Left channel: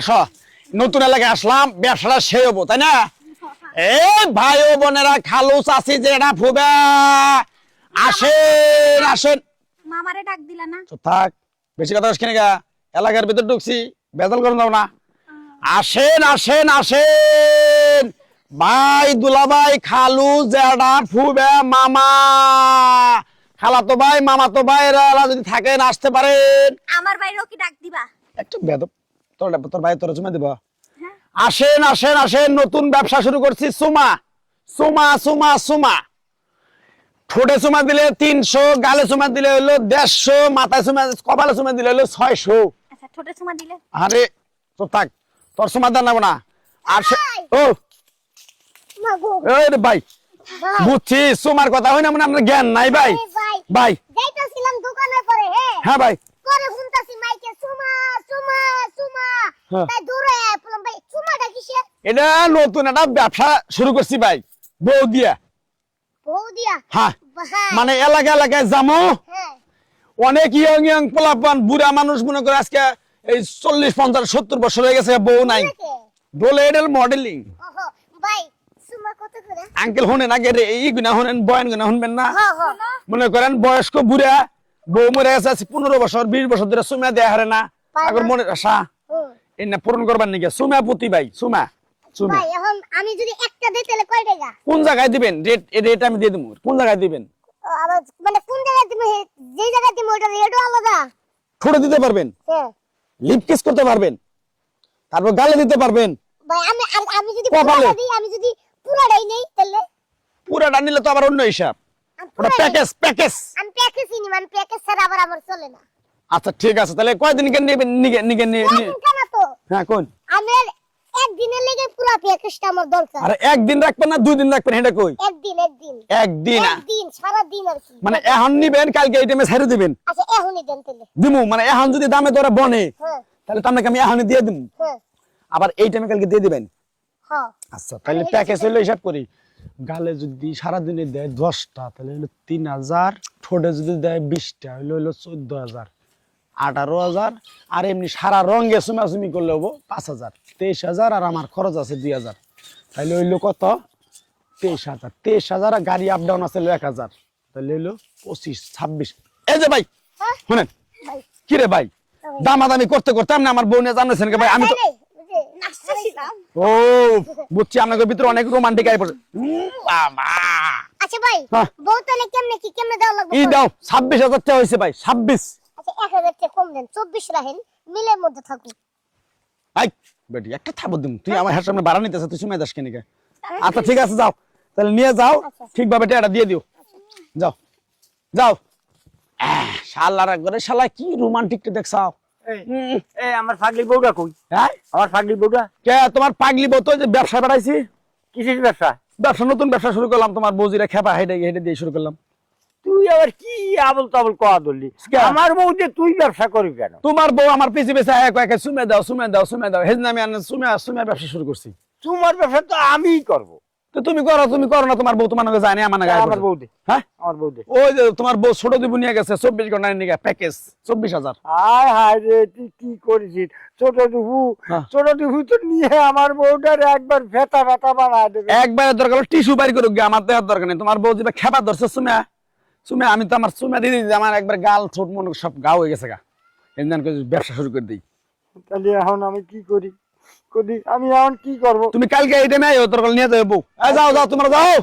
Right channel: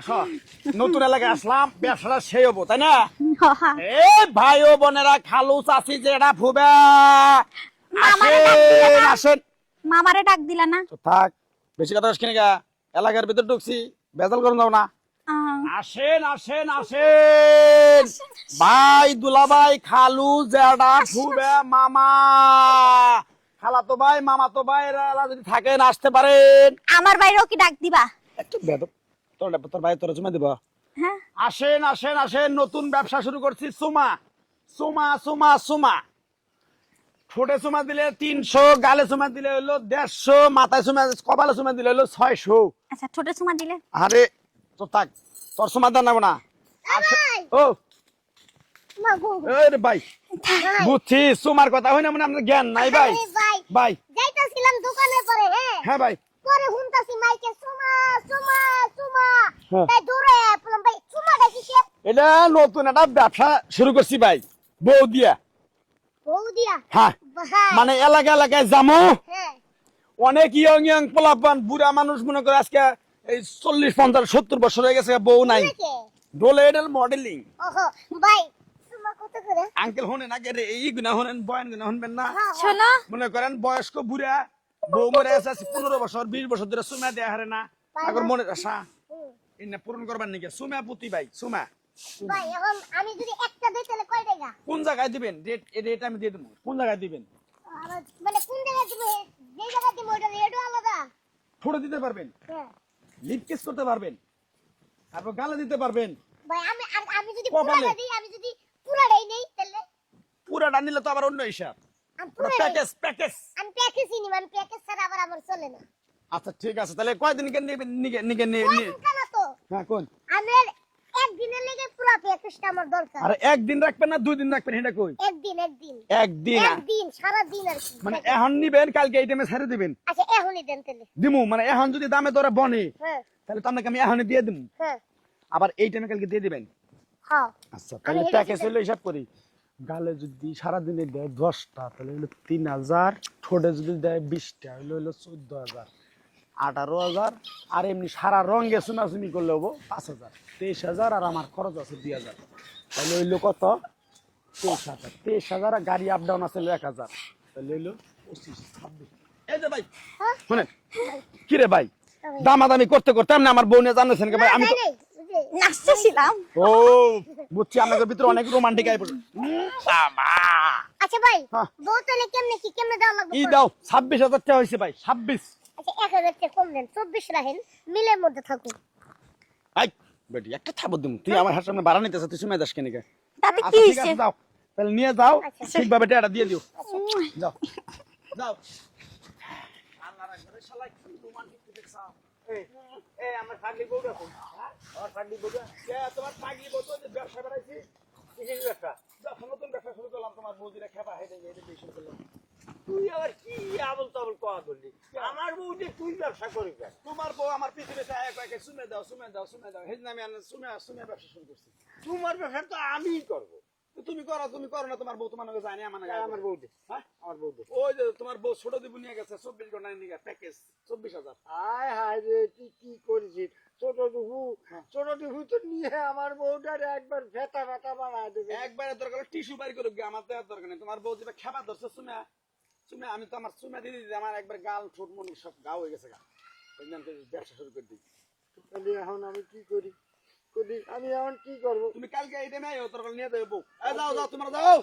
আসো নতুন এলাকায় আসলাম ব্যবসাটা সে হবো তাই না এই ভাই ও বোনেরা খালু চাচি জেঠা ফুবা আসেন আসেন মামারে ডাক দিলা না? চুপ থাক বেশি কথা শুনে গা এলাকার ভিতর ঢুকছি বেদল করে দাও না আহ, আসেন আসেন আসেন ভাই দুলাভাই খালু জেঠা ফুবা মামা খালাতো ভাই মামাতো ভাইরা যদি থাকেন আসতে পারেন আমার বাইরেও কি ডাক দিবা? একটু বেদব তোর ভাই তোর জমে দিব হ্যাঁ আসেন আসেন আসেন নতুন ব্যবসা শুরু করছি সুমা সুমা সুমা সুমা ঠোঁটে সুমা দিলে 300 গালে সুমা দিলে হলো 150 মাথায় সুমা কপালে সুমা দিলে হলো 600 আচ্ছা ছোট সুমা দিলে আরে তো থাক তোর সুমা দেন না না আর ও এই রে ভাই বুঝছি সুমার কথা হয় না মানে আপনার জ্ঞান নাই ভাই ভাই যাইতাছিলাম দোকানের পরে হ্যাঁ ভাই পরে শুনতাছি মাইকে সুমা সুমা সুমা হ্যাঁ। তাই দূরে বললাম ভাই সুমাটা কিসের? এটা নতুন একটা ব্যবসা শুরু করছি ভাই বউ দিয়া বউ দিয়া হ্যাঁ হ্যাঁ মানে এলাকায় যামো হ্যাঁ অনেক ইয়ং ইয়ং পোলাপান বুড়া মানুষ মনে করে আজকে এই 40 50 70 বছর হয়ে গেছে বউ নাই কে? বলে এটার মডেলিং ওহো ভাই সুমা কত করে? আঙ্কেল হনেন আগে রে এই গুনা হনেন বয়ান গুনা শুনবেন না হ্যাঁ শোনো মনে করেন বয়স্ক বুড়া বউ মরে গেছে আজ 15 বছর 20 বছর ধরে সুমা দেয়া হারে না আগর মনে আশা এই না পূরণ করবার নাকি সুমা পুতি ভাই সুমা সুমা ভাই এখন আমি যদি একটা দেই তাহলে কয় টাকা? কোন জায়গায় দিবেন রেট আমি দিয়ে দেবো কোন জায়গায় দিবেন আবার মানে কোন জায়গায় তুমি যে জায়গায় তুমি ওটা রেটও আলাদা। ঠোঁটে দিতে পারবেন হ্যাঁ লিপ কিস করতে পারবেন তারপর গালে দিতে পারবেন ভাই আমি যদি কপালে। পুরাটা দিই আমি যদি পুরাটাই নেই তাহলে পুরাটা নিলে তো আবার অন্য হিসাব আমি ওটা পুরাটাই- প্যাকেজ আমি প্যাকেজই নিব আমি প্যাকেজ ছাড়া আবার আমার চলে না। আচ্ছা ঠিক আছে তাহলে কয়দিন কেন নেবেন একদিন কেন তো হ্যাঁ কোন আমার একদিনের লেগে পুরো প্যাকেজটা আমার দরকার। আরে একদিন রাখবেন না 2 দিন রাখবেন এটা কই একদিন একদিন একদিন সারা দিন আর কি। মানে এখন নিবেন কালকে এই টাইমে ছেড়ে দিবেন আচ্ছা এখনই দেন তাহলে। দিমু মানে এখন যদি দামে ধরে বনে হ্যাঁ তাহলে তো আপনাকে আমি এখনই দিয়ে দিমু হ্যাঁ আবার এই টাইমে কালকে দিয়ে দিবেন হ্যাঁ আচ্ছা তাহলে প্যাকেজ হলো হিসাব করি গালে যদি সারা দিনে দেয় 10টা তাহলে হলো 3000 ঠোঁটে যদি দেয় 20টা হলো 14000 18,000 আর এমনি সারা রঙে সুমাসুমি করলে হবো 5,000 23,000 আর আমার খরচ আছে 2,000 তাহলে হইলো কত 23,000 23,000 আর গাড়ি আপ ডাউন আছে 1,000 তাহলে হইলো 25 26 এই যে ভাই হ্যাঁ? শুনেন কি রে ভাই দামাদামি করতে করতে আপনি আমার বউ নিয়ে জানেন কি ভাই আমি তো নাচতেছিলাম। ও বুঝছি আপনাদের ভিতরে অনেক রোমান্টিক আই পড়ে বাবা আচ্ছা ভাই হ্যাঁ। বউ তাহলে কেমনে দেওয়া লাগবে? ই দাও 26,000 টাকা হয়েছে ভাই 26 আচ্ছা 1000 টাকা কম দেন 24 রাখেন মিলের মধ্যে থাকুক। আই বেটি একটা থাবো দিম তুই আমার হাত সামনে বাড়া নিতেছ তুই সুমে দাস কেন কে তাতে কি আচ্ছা ঠিক আছে হইছে? যাও তাহলে নিয়ে যাও আচ্ছা। ঠিকভাবে টাকাটা দিয়ে দিও যাও যাও শালার একবারে শালা কি রোমান্টিকটা দেখছাও এই আমার ফাগলি বউটা কই? হ্যাঁ আমার ফাগলি বউটা কে তোমার পাগলি বউ তো যে ব্যবসা বাড়াইছি কিসের ব্যবসা? ব্যবসা নতুন ব্যবসা শুরু করলাম তোমার বউজিরা খেপা হেডে হেডে দিয়ে শুরু করলাম তুই আবার কি আবল তাবল কোয়া ধরলি? কে? আমার বউ যে তুই ব্যবসা করবি কেন? তোমার বউ আমার পিছে পিছে এক এক সুমে দাও সুমে দাও সুমে দাও হেজ নামে আনে সুমে সুমে ব্যবসা শুরু করছি তোমার ব্যবসা তো আমিই করবো। তো তুমি করো না তোমার বউ তোমার নাকি জানে আমার নাকি আমার বউ দে, হ্যাঁ আমার বউ দে। ওই যে তোমার বউ ছোট দিব নিয়ে গেছে 24 ঘন্টার নিয়ে প্যাকেজ 24,000 হায় হায় রে তুই কি করেছিস? ছোট হ্যাঁ। ডিহু তো নিয়ে আমার বউটার একবার ভেতা বানায় দেবে। একবারে দরকার হলো টিস্যু বাড়ি করুক গে, আমার দেওয়ার দরকার নেই তোমার বউ যেটা খেপা ধরছে সুমে সুমে আমি তো আমার সুমে দিয়ে দিই আমার একবার গাল ছোট মন সব গা হয়ে গেছে গা এমন করে ব্যবসা শুরু করে দিই তাহলে এখন আমি কি করি? আমি এখন কি করবো? তুমি কালকে এই টাইমে আইও তোর নিয়ে যাও বউ এই যাও যাও তোমরা যাও